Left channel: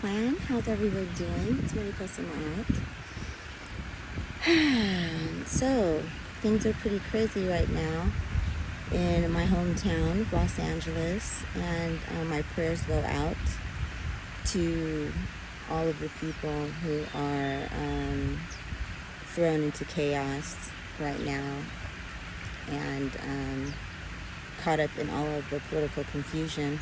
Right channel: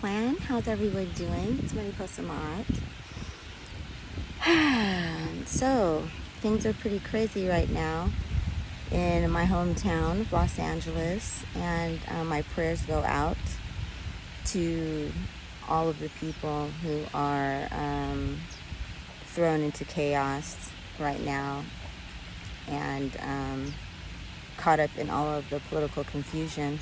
Clan. How's everyone doing? It's Mariposa Maát. So, things are pretty crazy right now in my hometown of Los Angeles, and my prayers go out to all of the people who are thrown into chaos right now and caught up in all of the political confusion.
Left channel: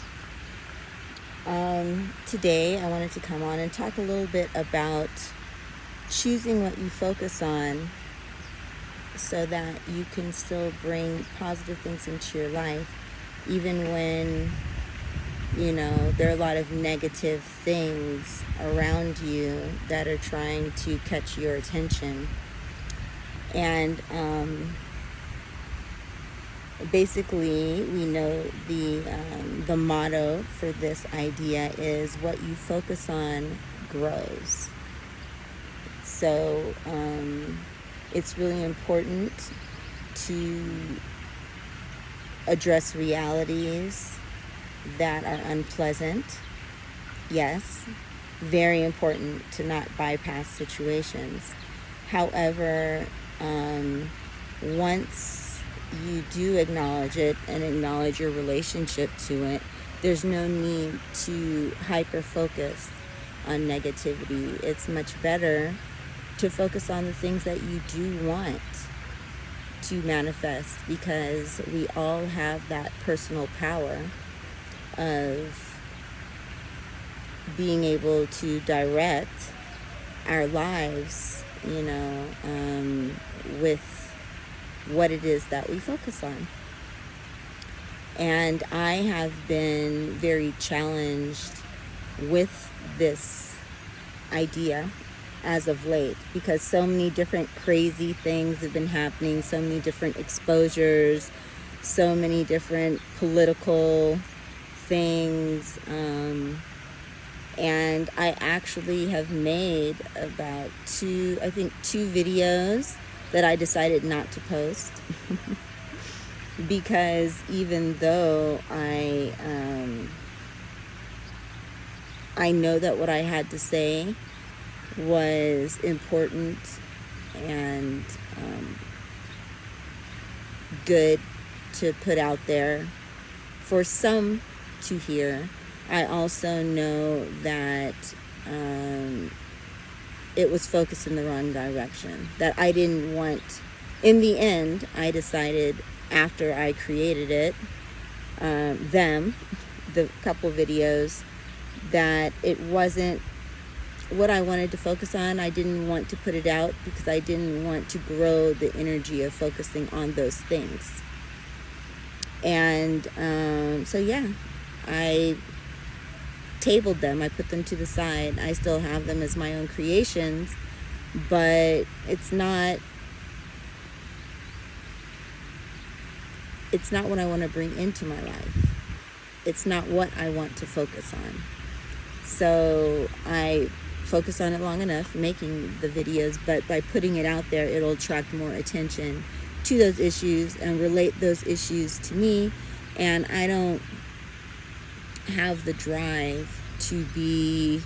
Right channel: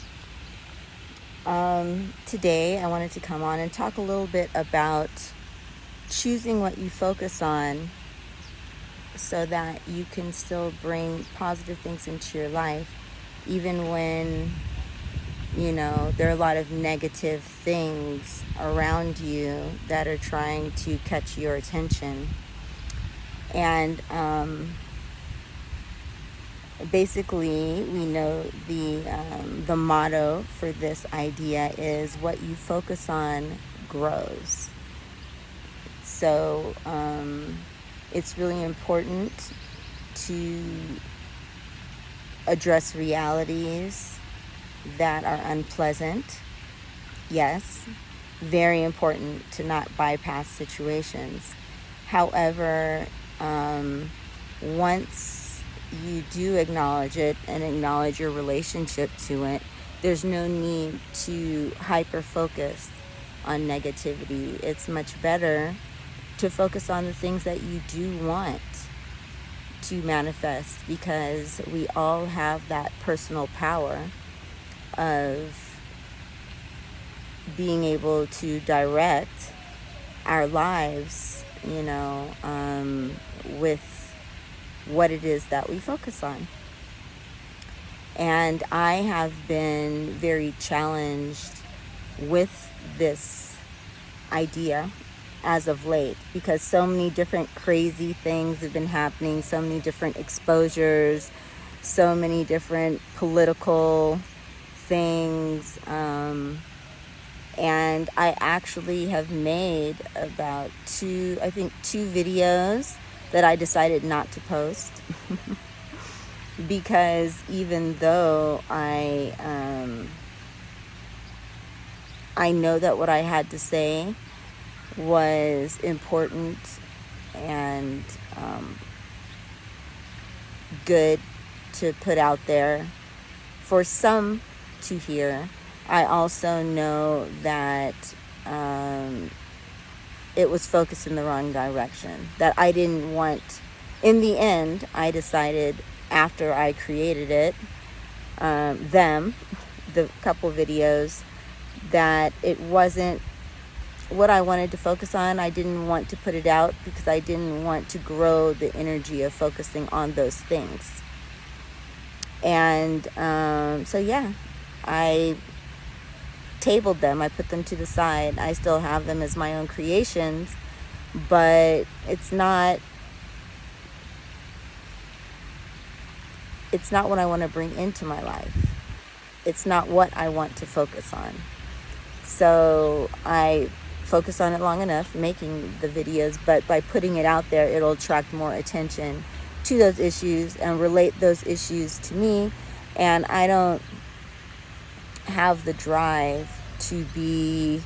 Today I wanted to come on and talk a little bit about choosing what you focus on so that you can still bring positive things into your life, even when, you know, there are a lot of negative things around you that are trying to catch your attention. And basically, we know the motto for this idea is what you focus on grows. So it's really important to address realities that are unpleasant. Yes, very important to not bypass situations. However, once you do acknowledge it and acknowledge your relationship to it, there's no need to hyper focus on negativity. It's much better to focus on the things that you do want to manifest, because we all have that personal power of being able to direct our lives, you know, with what it is that we focus on. And I have been very challenged with this idea as of late, because so many different crazy things have been happening, so many different exposures, so many different political things, and I actually have made about two videos that I decided not to post because even though I know that what I had to say was important and good to put out there for some to hear, I also know that it was focused in the wrong direction, that I didn't want. In the end, I decided after I created it, the couple videos, that it wasn't what I wanted to focus on. I didn't want to put it out because I didn't want to grow the energy of focusing on those things. And so yeah, I tabled them. I put them to the side. I still have them as my own creations, but it's not what I want to bring into my life. It's not what I want to focus on. So I focus on it long enough making the videos, but by putting it out there, it'll attract more attention to those issues and relate those issues to me. And I don't have the drive to be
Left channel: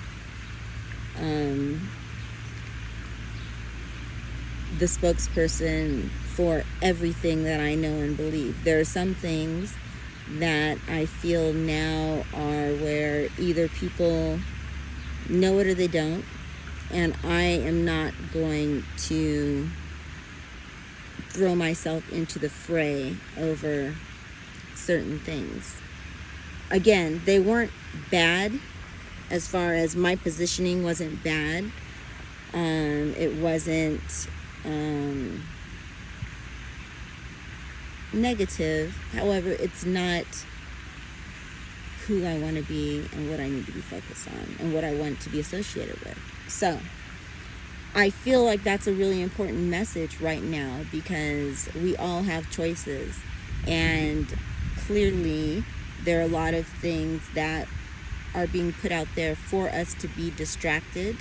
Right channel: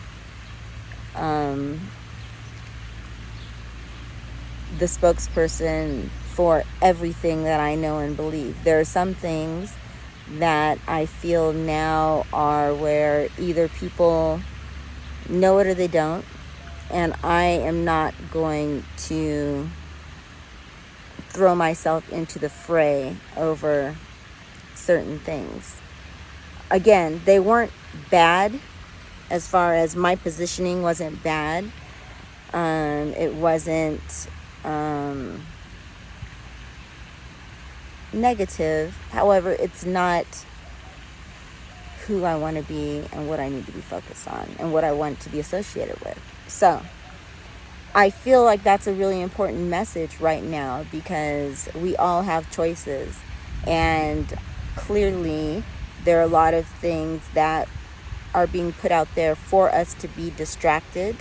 the spokesperson for everything that I know and believe. There are some things that I feel now are where either people know it or they don't, and I am not going to throw myself into the fray over certain things. Again, they weren't bad, as far as my positioning wasn't bad. It wasn't negative. However, it's not who I want to be and what I need to be focused on and what I want to be associated with. So I feel like that's a really important message right now, because we all have choices, and clearly there are a lot of things that are being put out there for us to be distracted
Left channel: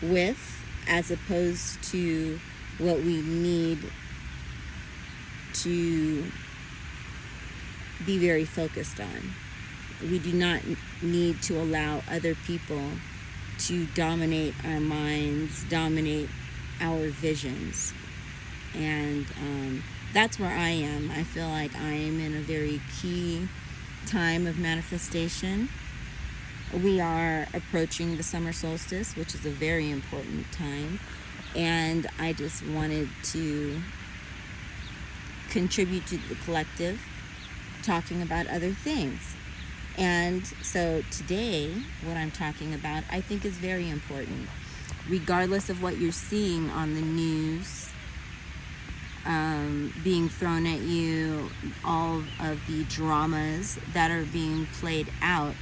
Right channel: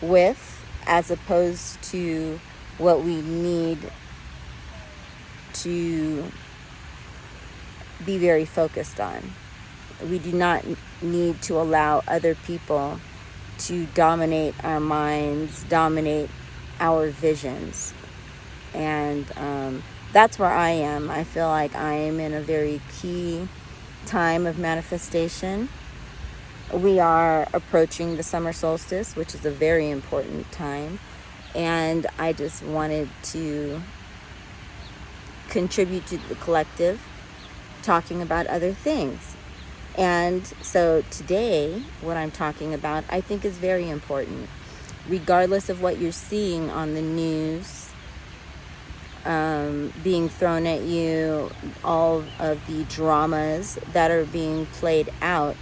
with, as opposed to what we need to be very focused on. We do not need to allow other people to dominate our minds, dominate our visions. And that's where I am. I feel like I am in a very key time of manifestation. We are approaching the summer solstice, which is a very important time. And I just wanted to contribute to the collective, talking about other things. And so today, what I'm talking about, I think is very important. Regardless of what you're seeing on the news, being thrown at you, all of the dramas that are being played out,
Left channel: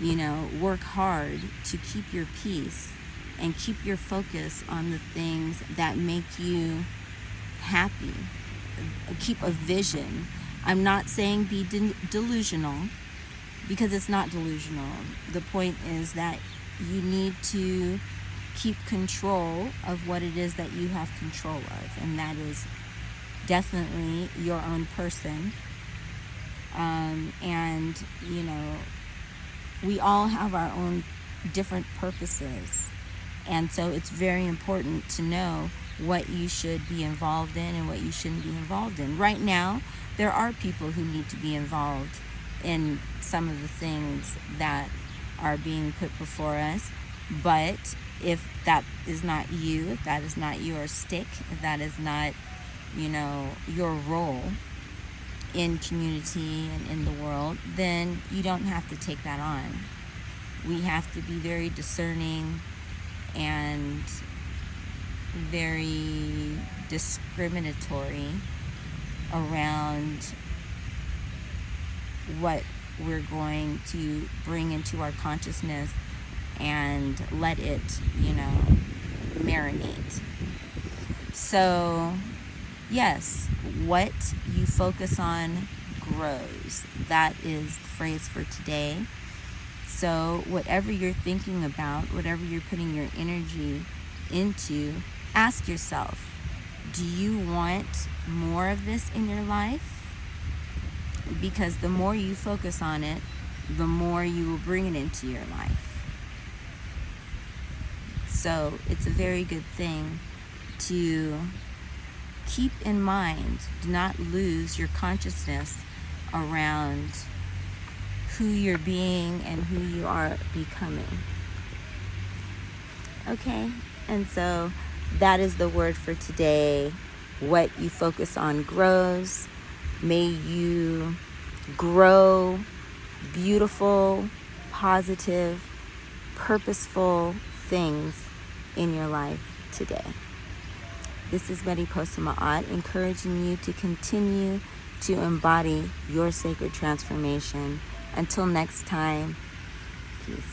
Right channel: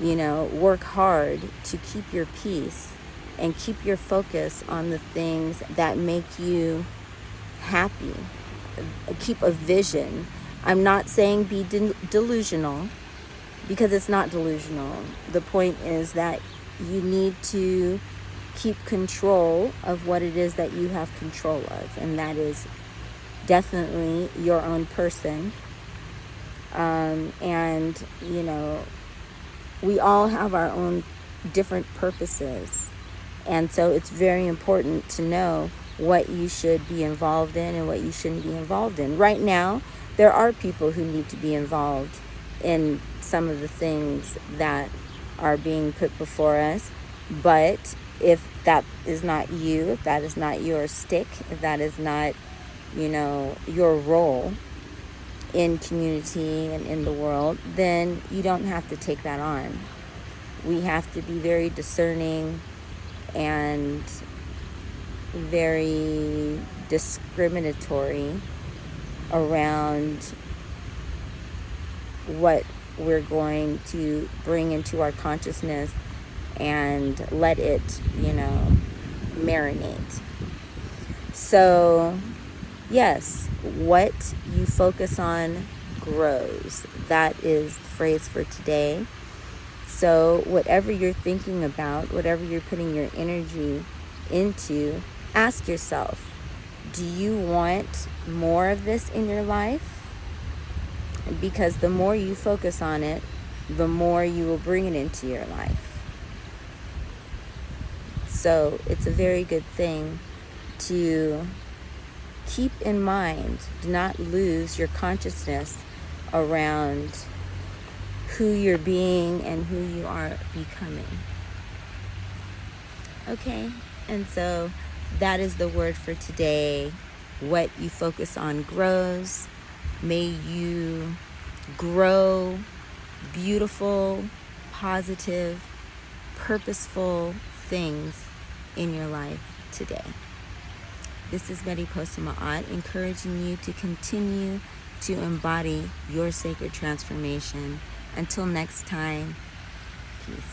work hard to keep your peace and keep your focus on the things that make you happy. Keep a vision. I'm not saying be delusional, because it's not delusional. The point is that you need to keep control of what it is that you have control of, and that is definitely your own person. And we all have our own different purposes, and so it's very important to know what you should be involved in and what you shouldn't be involved in. Right now, there are people who need to be involved in some of the things that are being put before us, but if that is not you, if that is not your stick, if that is not, your role in community and in the world, then you don't have to take that on. We have to be very discerning and very discriminatory around what we're going to bring into our consciousness and let it, marinate. So, yes, what you focus on grows. That is the phrase for today. So whatever you're thinking about, whatever you're putting your energy into, ask yourself, do you want more of this in your life? Because the more you focus on it, the more you will bring it into your life. So it's a very good thing to keep in mind. Do not lose your consciousness around who you're being and who you are becoming. Okay, and so that is the word for today. What you focus on grows. May you grow beautiful, positive, purposeful things in your life today. This is Mariposa Maát, encouraging you to continue to embody your sacred transformation. Until next time, peace.